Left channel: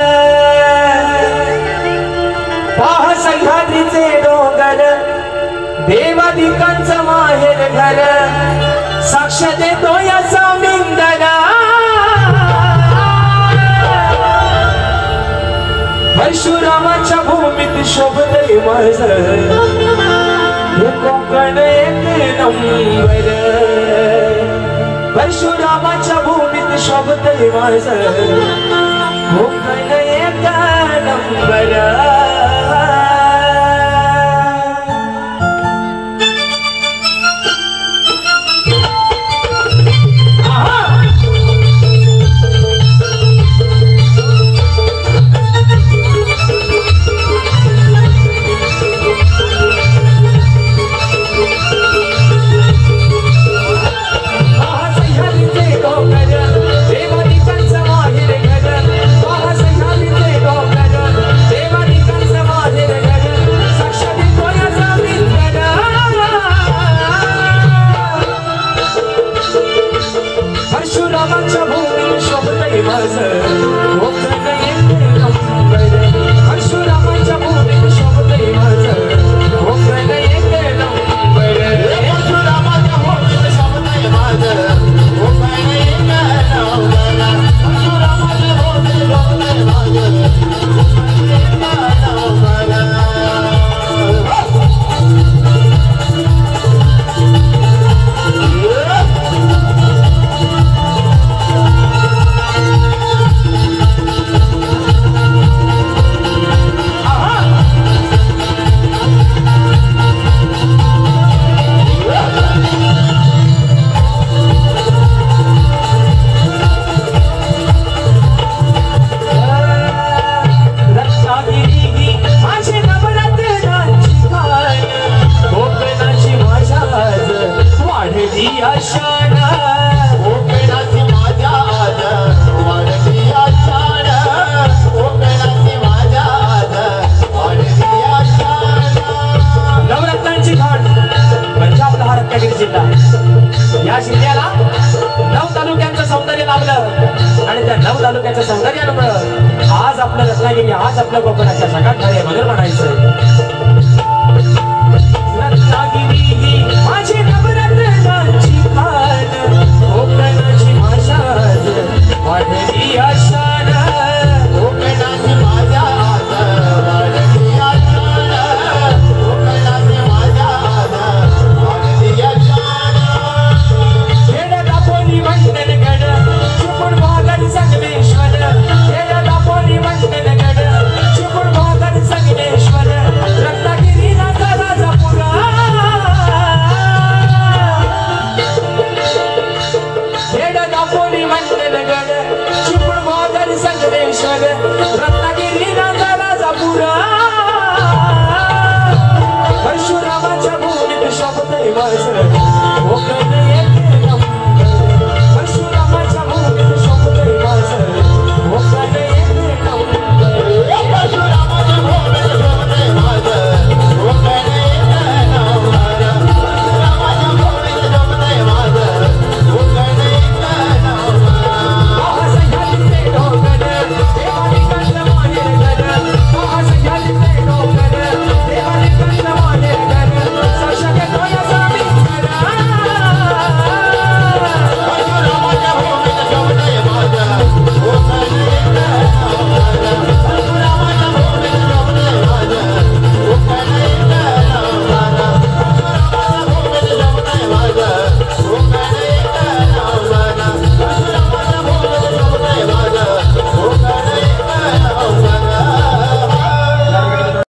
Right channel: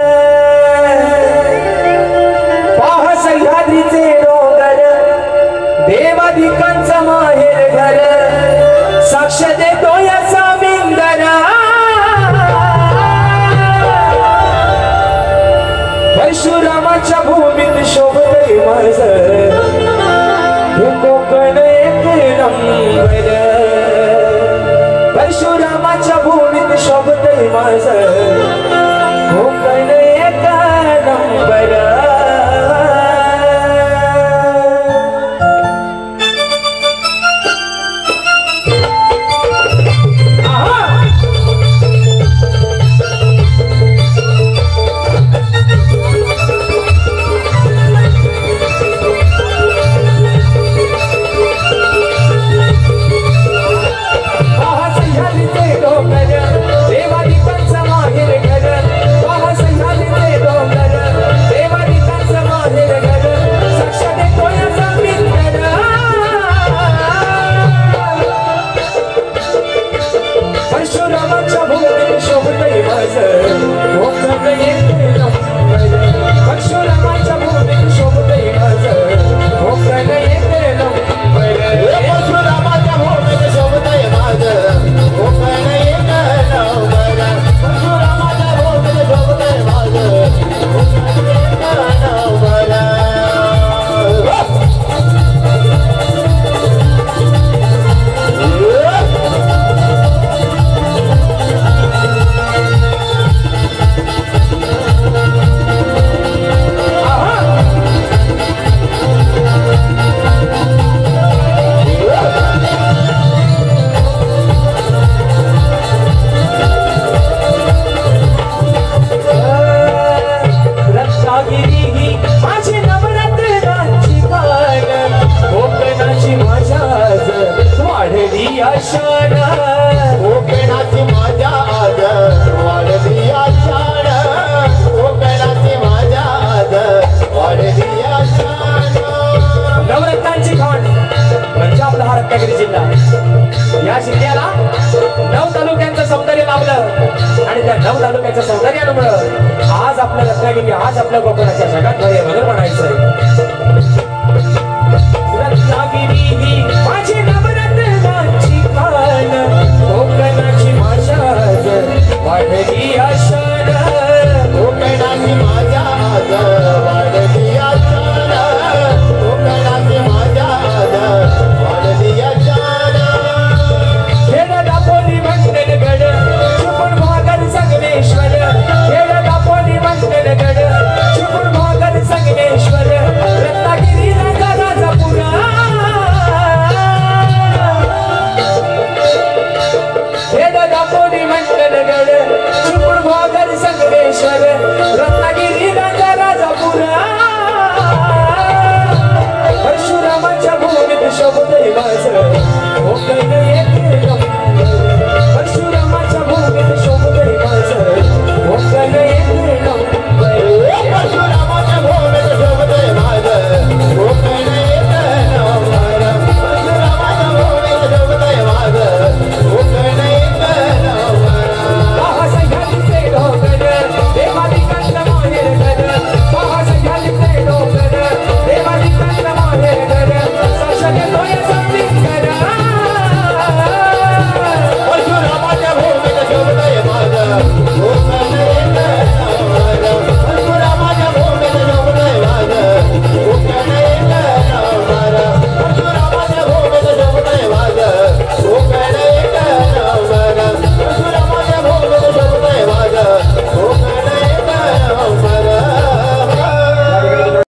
पाहा सह्याद्रीचे डोंगर देवाधिकांचा माहेर घर साक्ष देतो याचा मिंदना परशुरामाच्या भूमीत शोभतय माझ हे कोकण एक नंबर परशुरामाच्या भूमीत शोभतय माझ कोकण एक नंबर या जिल्ह्याला 9 तालुक्यांचं सौंदर्य लाभलं आणि त्या 9 तालुक्यांचं सौंदर्यामुळे आज आपल्या रत्नागिरी आज आपल्या कोकणाच्या जगात भरे बदल म्हणायचंय रत्नागिरी ही माझी नवरत्नांची खान कोकणाची माझ्या वाढली आशान कोकणाची माझ्या वाढली आशान कोकणाची माझ्या वाढली आशान मंडनगड चुकून भागात संगमेश्वर खेळला पोली मंडनगड चुकून भागात संगमेश्वर रत्नागिरी राजापुरा खेळला पोली मंडनगड चुकून भागात संगमेश्वर रत्नागिरी राजापुरा परशुरामाच्या भूमीत शोभतय माझ कोकण एक